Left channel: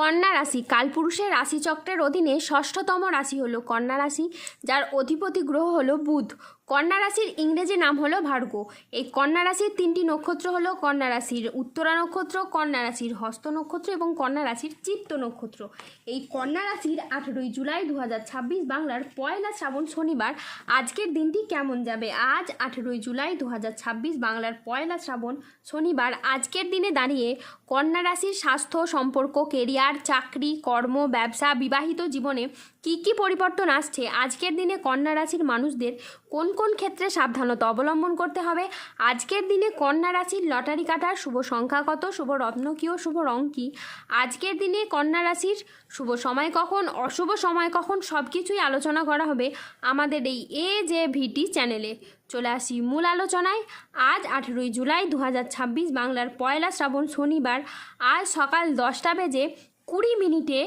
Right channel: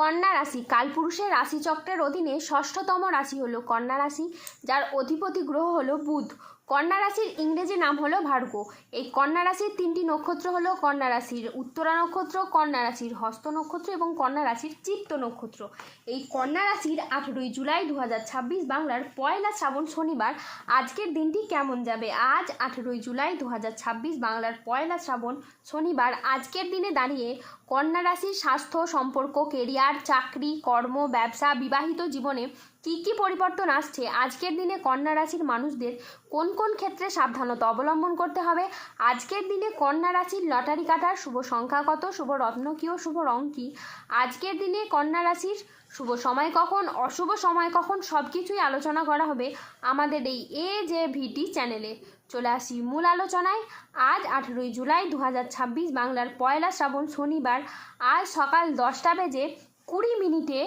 কন্যা রাশি কালপুরুষের রাশিচক্রের অধীনে ষষ্ঠতম রাশি হলো কন্যা রাশি, যার অধিপতি গ্রহ হলো বুধ। কন্যা রাশির ইংরেজি নাম হলো ভার্গ। এই কন্যা রাশির তিনটি নক্ষত্র হলো কন্যা রাশির উত্তরা নক্ষত্র, কন্যা রাশির হস্ত নক্ষত্র এবং কন্যা রাশির চিত্ত নক্ষত্র। এই কন্যা রাশির 18ই জুলাই 2026 বাংলার পয়লা শ্রাবণ শনিবার আজকের দিনটি কেমন যাবে? আজ 18ই জুলাই 2026 বাংলার পয়লা শ্রাবণ শনিবার আজকের দিনে দাঁড়িয়ে কন্যা রাশির স্বাস্থ্য, সম্পর্ক, কেরিয়ার, চাকরি, কর্ম, ব্যবসা, বিবাহিত জীবনে কি কি পরিবর্তন আসছে, আজকের দিনে কন্যা রাশির মানুষদের কোন কোন ক্ষেত্রে সাবধানতা অবলম্বন করতে হবে, আজকের দিনে কন্যা রাশির লটারি কাটার শুভ সংখ্যা কত, শুভ রত্ন কী ও শুভ রং কী, আজকের দিনে কন্যা রাশির শুভ সময় কখন, অশুভ সময় কখন, সব কিছুই আলোচনা করা হবে আমাদের এই AJVT চ্যানেলে। চলে আসি মূল আলোচনায়। আজ 18ই জুলাই 2026 বাংলার পয়লা শ্রাবণ শনিবার আজ সকাল 10:20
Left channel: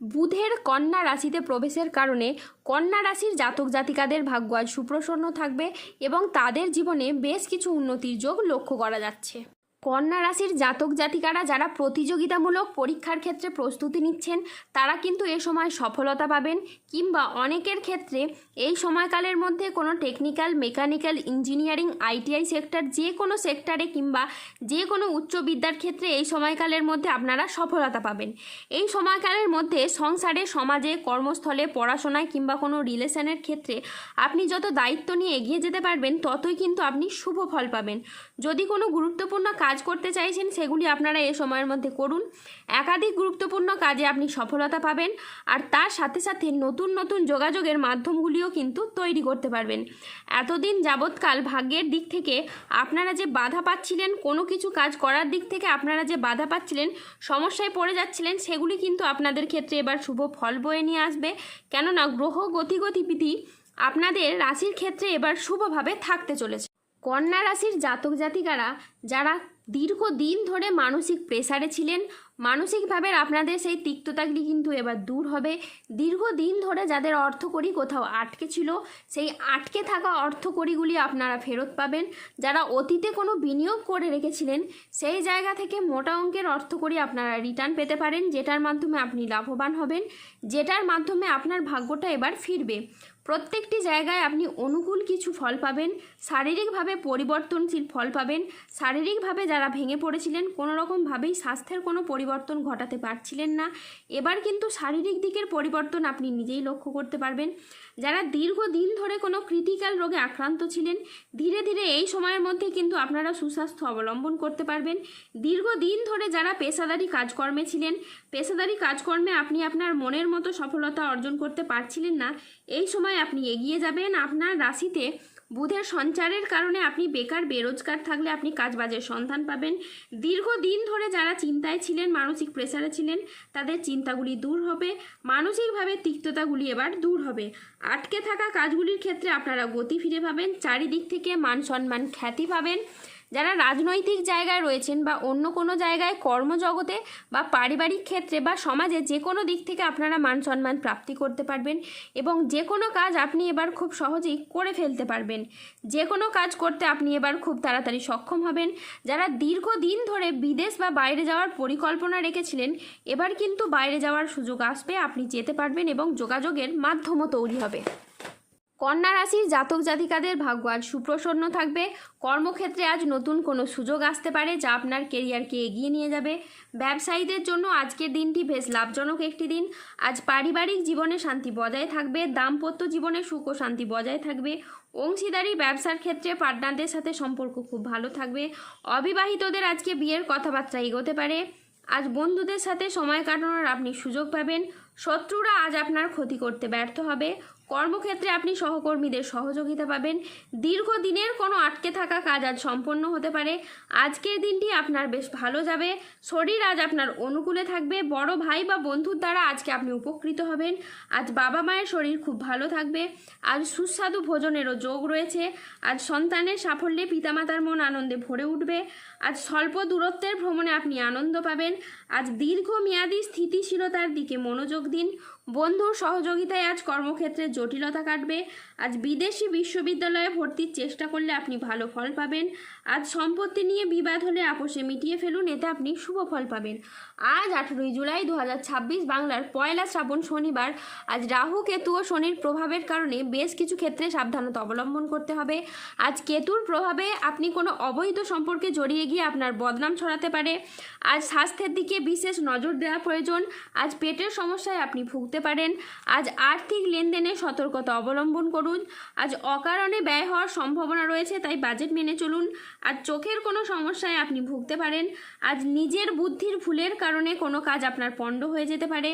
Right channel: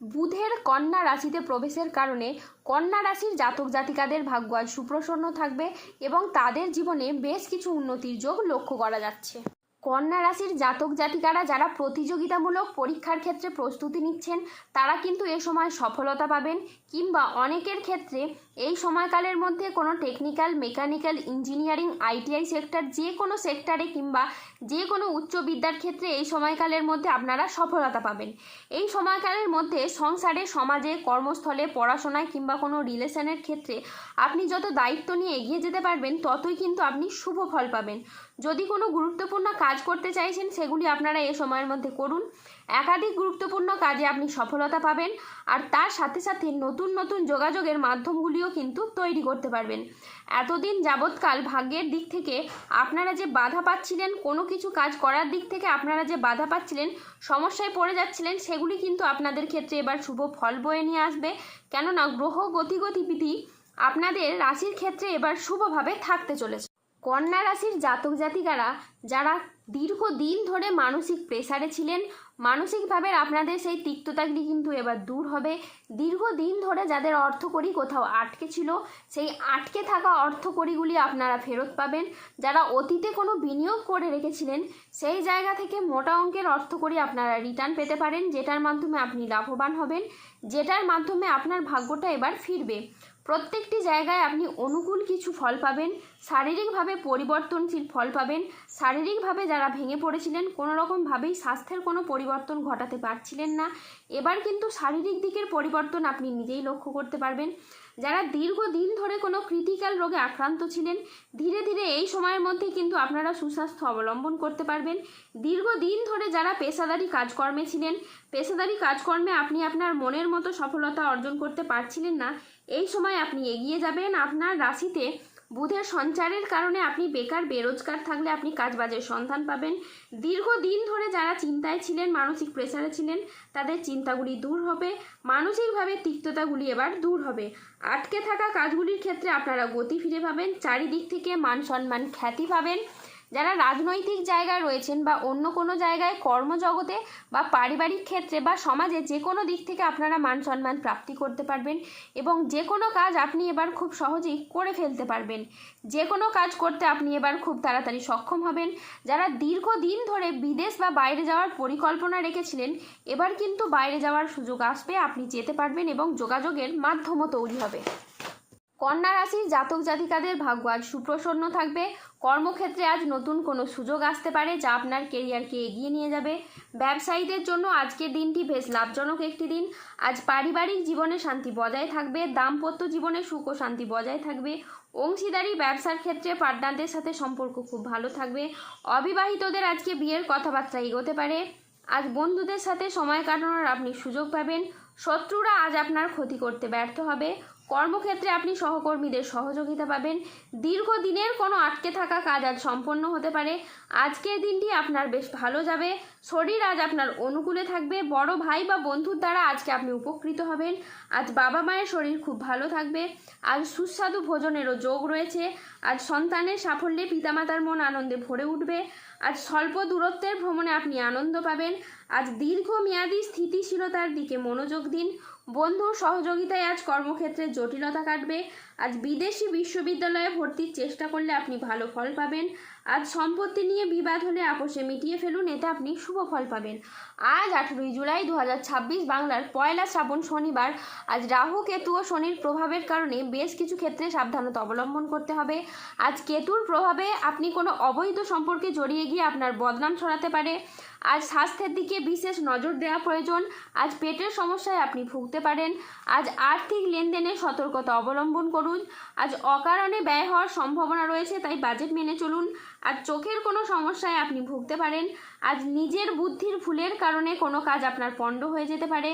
বুধের কন্যা রাশিতে প্রবেশের কারণে কন্যা রাশির জাতক জাতিকাদের ভাগ্য আজ সুপ্রসন্ন থাকবে এবং তাদের জীবনে বেশ কিছু উন্নতির যোগ লক্ষ্য করা যাচ্ছে। কন্যা রাশির জাতক জাতিকারা যারা প্রতিযোগিতামূলক পরীক্ষার ক্ষেত্রে প্রস্তুতি নিচ্ছেন তারা কিন্তু এ সময় সফলতা পাবেন, কিংবা অনেকের ক্ষেত্রে এই সময়কালের মধ্যে কোনো technical, mechanical, engineering, ITI sector, যে কোনো সেক্টরে কিংবা যে কোনো উচ্চ বিদ্যার ক্ষেত্রে এই সময়কালের মধ্যে আপনারা সফলতা পাবেন। এই সময়কালের মধ্যে সংসারে, সমাজে, কর্মস্থলে, পড়াশোনায় কিংবা কোনো রিলেশনের ক্ষেত্রে আপনি যত দায়িত্ব নিয়ে এগিয়ে যেতে পারবেন ততই কিন্তু আপনি শুভ ফল পাবেন। যদি কোনো গুরুত্বপূর্ণ কাজ করতে চাইছেন সেগুলি আপনারা এই সময়ের মধ্যে করুন। একাধিক গুরুত্বপূর্ণ কাজে আপনি সফলতা পাবেন, আর তার সাথে সাথে নতুন নতুন যোগাযোগের মাধ্যমগুলিও কিন্তু তৈরি করতে পারবেন। এতদিন যাবৎকাল ভাগ্যের দিক থেকে আপনারা যে বাধা পাচ্ছিলেন, কোনো কিছু কাজ করার দিক থেকে আপনারা যে বাধা পাচ্ছিলেন, সমস্যায় পড়ে যাচ্ছিলেন, সেগুলি কিন্তু আপনাদের ক্ষেত্রে এবার শুভ ফল বয়ে নিয়ে আসবে। কেননা গ্রহ গতিবিধি আপনাদের রাশির ক্ষেত্রে এবার শুভভাবে থাকতে চলেছে। কন্যা রাশির জাতক জাতিকারা যারা দীর্ঘদিন ধরে মানসিক প্রেসারে ছিলেন, মানসিকভাবে আপনাদের সেই তিক্ততাগুলি কিন্তু এবার দূর হবে। দীর্ঘদিন ধরে যাদের অর্থকড়ি কোথাও আটকে ছিল, সেই আটকে থাকা অর্থকড়িগুলি আপনারা ফেরত পাবেন। যারা অতীতে কোনো বিনিয়োগ করে রেখেছিলেন সেই জায়গা থেকে মোটা অঙ্কের অর্থকড়ি আপনারা রিটার্ন পেতে পারেন, যেটার মাধ্যমে আপনি লাভবান হবেন, যেটার মাধ্যমে আপনার ভাগ্যটা এবার ফিরবে। প্রত্যেকটি জায়গায় আপনি অনুকূল কিছু ফল পাবেন, শারীরিকভাবে পরিবর্তনশীল ফল পাবেন। শারীরিকভাবে যারা ভেঙে পড়েছিলেন, কোনো রকমভাবেই স্বাস্থ্যের কোনো পরিবর্তন ঘটাতে পারছিলেন না, এবার কিন্তু শারীরিক দিকের পরিবর্তন আপনি নিজেই লক্ষ্য করতে পারবেন। যারা দীর্ঘদিন ধরে কোনো ক্রিটিক্যাল রোগে আক্রান্ত ছিলেন, ধীরে ধীরে এই সময়ের মধ্যে কিন্তু আপনারা সুস্বাস্থ্য অবলম্বন করতে পারবেন। দীর্ঘদিন ধরে যারা পেশাদারি কাজকর্মে ছিলেন, পেশাদারি কাজকর্মে আপনি আপনার মনের মতো সফলতা অর্জন করতে পারছিলেন না, এই সময় আপনি এগিয়ে যাবেন। আপনার রাশিতে বুধের সঞ্চারের কারণে আপনি বেকার, বেরোজগার থাকলে আপনি কাজবাজের সন্ধান পাবেন। দীর্ঘদিন ধরে যারা চিন্তায় ছিলেন, মানসিক প্রেসারে ছিলেন, তাদের চিন্তাগুলি দূর হবে, মানসিকভাবে তিক্ততাগুলি এবার দূর হবে। আটকে থাকা কাজগুলির ক্ষেত্রে আপনারা গতি ফিরে পাবেন, চারিদিক থেকে মান সম্মান, খ্যাতি পাবেন। যারা রাজনৈতিক জায়গায় রয়েছেন বা অন্য কোনো জায়গায় কর্মজগতে বা পারিবারিক ক্ষেত্রে বা সমাজে যে কোনো দিক থেকে আপনারা মান সম্মান প্রাপ্তি করতে পারবেন এবং যে কোনো কাজ আপনি এবার খুব সহজেই করে ফেলতে পারবেন। যে কোনো কাজ করতে আপনি এবার খুব তাড়াতাড়ি সক্ষম হবেন। যারা দীর্ঘদিন ধরে বিদেশ বা বাইরে যাওয়ার পরিকল্পনা রেখেছিলেন, এবার কিন্তু বাইরে যাওয়ার সুযোগ আসবে, আপনি যেতে পারবেন এবং যোগাযোগের মাধ্যমও তৈরি হবে। কন্যা রাশির জাতক জাতিকাদের ভাগ্য আজ সুপ্রসন্ন থাকবে। কর্মক্ষেত্রে আজ নতুন কোনো সুযোগ আসতে পারে যা আপনার কেরিয়ারকে এগিয়ে নিয়ে যাবে। ব্যবসায়ীদের জন্য আজকের দিনটি বেশ লাভজনক একটি দিন। আজ পারিবারিক জীবনে শান্তি বজায় থাকবে, দাম্পত্য জীবনে সুখ ও শান্তি বজায় থাকবে। অংশীদারি ব্যবসার ক্ষেত্রে পার্টনারদের সাথে সম্পর্ক খুব ভালো থাকবে। অবিবাহিতদের আজকে বিয়ের কথাবার্তা এগোতে পারে। আজ বন্ধুদের সাথে সময় কাটানোর আপনি সুযোগ পাবেন। শত্রুরা আজ আপনার ক্ষতি করতে ব্যর্থ হবে। কর্মক্ষেত্রে আপনি সহকর্মীদের সহযোগিতা পাবেন। দীর্ঘদিনের কোনো আটকে থাকা কাজ আজ সম্পন্ন হতে পারে। আজকের দিনটি আপনার বেশ ভালো যাবে। শরীর আজ আপনার অনুকূলে থাকবে। বড় ভাই বা বন্ধুর দ্বারা আজকে আপনি উপকৃত হবেন। আজ বাবা মায়ের শরীর খুব ভালো থাকবে। আজ সুস্বাদু ভোজনেরও যোগ রয়েছে। আজ সন্তানের সাফল্যে পিতামাতার মন আনন্দে ভরে উঠবে। আজ স্বল্প দূরত্বের ভ্রমণে আপনি আনন্দ পাবেন। আজ দীর্ঘমেয়াদী স্থিতিশীলতার দিকে মনোযোগ দিন। বন্ধুর সহযোগিতায় আজ কর্মক্ষেত্রে জটিলতা কাটবে। আজ বিদেশি বিশ্ববিদ্যালয়ে ভর্তির চেষ্টা করলে আপনি ভালো ফল পাবেন। আজ সম্পত্তি নিয়ে বিবাদ হলে আপোষে মিটিয়ে ফেলুন, এতে আপনি শুভ ফল পাবেন। আজ 18 জুলাই 2026 বাংলার পয়লা শ্রাবণ শনিবার। আজ রাহু কেতু ও শনির প্রভাবের কারণে বেশ কিছু ক্ষেত্রে সাবধানতা অবলম্বন করতে হবে। আজ কেতুর প্রভাবে আপনি কোনো অবৈধ সম্পর্কে জড়িয়ে গিয়ে আপনার বদনাম ছড়াতে পারে। আজ স্বাস্থ্যের দিকে বিশেষ নজর দেওয়া প্রয়োজন। আজ পেটের সমস্যায় আপনি ভুগতে পারেন। আজ আর্থিক লেনদেনে সতর্কতা অবলম্বন করুন। আজ অকারণে ব্যয় হওয়ার সম্ভাবনা রয়েছে, তাই বাজেট মেনে চলুন। আজ চোখের কোনো সমস্যায় আপনি ভুগতে পারেন। আজ নিজের বুদ্ধির ভুলের কারণে কোনো কাজ আপনার পণ্ড হয়ে যেতে পারে।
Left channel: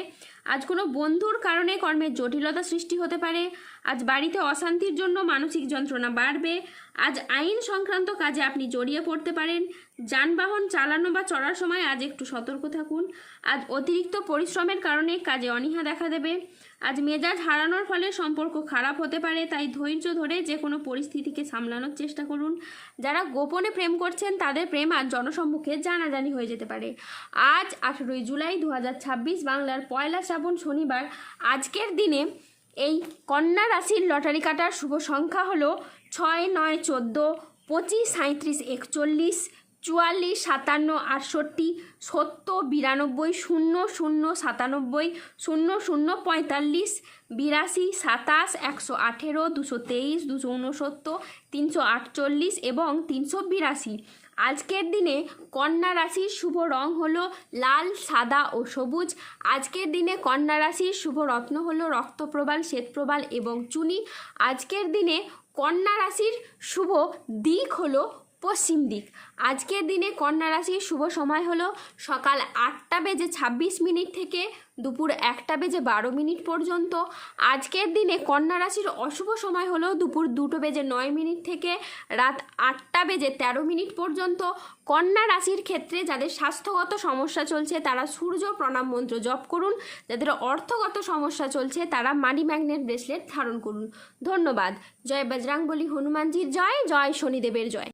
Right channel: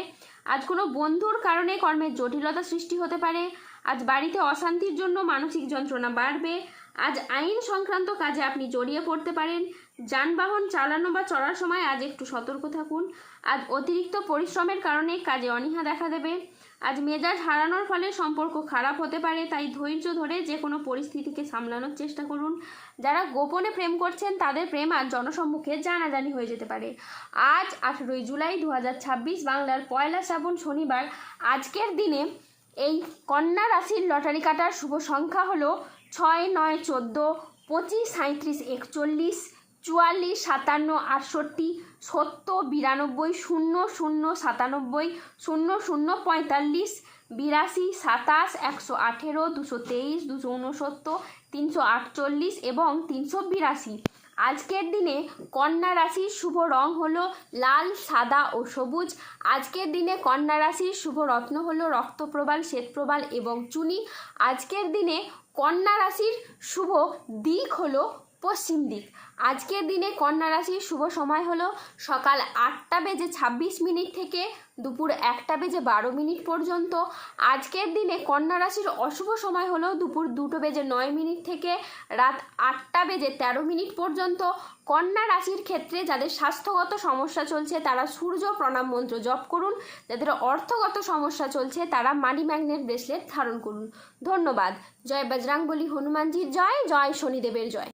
আজ কোনো বন্ধুর কারণে কর্মের জটিলতা সৃষ্টি হতে পারে। আজ বাড়িতে অশান্তির জন্য মানসিক যন্ত্রণা বাড়বে। আজ আইন সংক্রান্ত কাজে আপনি জড়িয়ে পড়তে পারেন। যানবাহন চালানো বা চড়ার সময় আজ একটু সতর্ক থাকুন। আজ অতিরিক্ত পরিশ্রমের কারণে কাজে অনীহা দেখা দেবে। আজ মেজাজ হারানোর ফলে সম্পর্ক খারাপ হতে পারে, তাই ধৈর্য ধরে যে কোনো পরিস্থিতিকে সামলানোর চেষ্টা করুন। যারা গোপনে প্রেম করছেন তাদের প্রেম আজ জনসম্মুখে জানাজানি হয়ে যেতে পারে। আজ 18 জুলাই 2026 বাংলার পয়লা শ্রাবণ শনিবার। আজকের দিনে এই কন্যা রাশির লটারি কাটার শুভ সংখ্যা হলো 6, 9, 14, 25, 37, 41, 44, 57, 68, 70, 92, 00, 97, 00, 45, 82, 27, 118, 223, 269, 348 এবং 382। আজকের দিনে কন্যা রাশির শুভ রং হলো লাল, সাদা ও সবুজ। আজকের দিনে কন্যা রাশির শুভ রত্ন হলো রক্তপ্রবাল, শ্বেতপ্রবাল এবং চুনি। আজকের দিনে কন্যা রাশির শুভ দিক হলো পশ্চিম দিক। আজকের দিনে কন্যা রাশির শুভ সময় হলো সকাল 8:26 থেকে দুপুর 1:12 পর্যন্ত। আজকের দিনে কন্যা রাশির অশুভ সময় হলো দুপুর 2:09 থেকে রাত 8:13 পর্যন্ত। কন্যা রাশির ক্ষেত্রে যাদের স্বাস্থ্যগত সমস্যা চলছে তারা সূর্য প্রণাম মন্ত্র জপ করুন। যাদের অর্থগত সমস্যা চলছে তারা মানি ম্যাগনেট ব্রেসলেট ধারণ করুন। ধন্যবাদ। জয় বজরংবলী হনুমানজির জয়, জয় শনিদেবের জয়।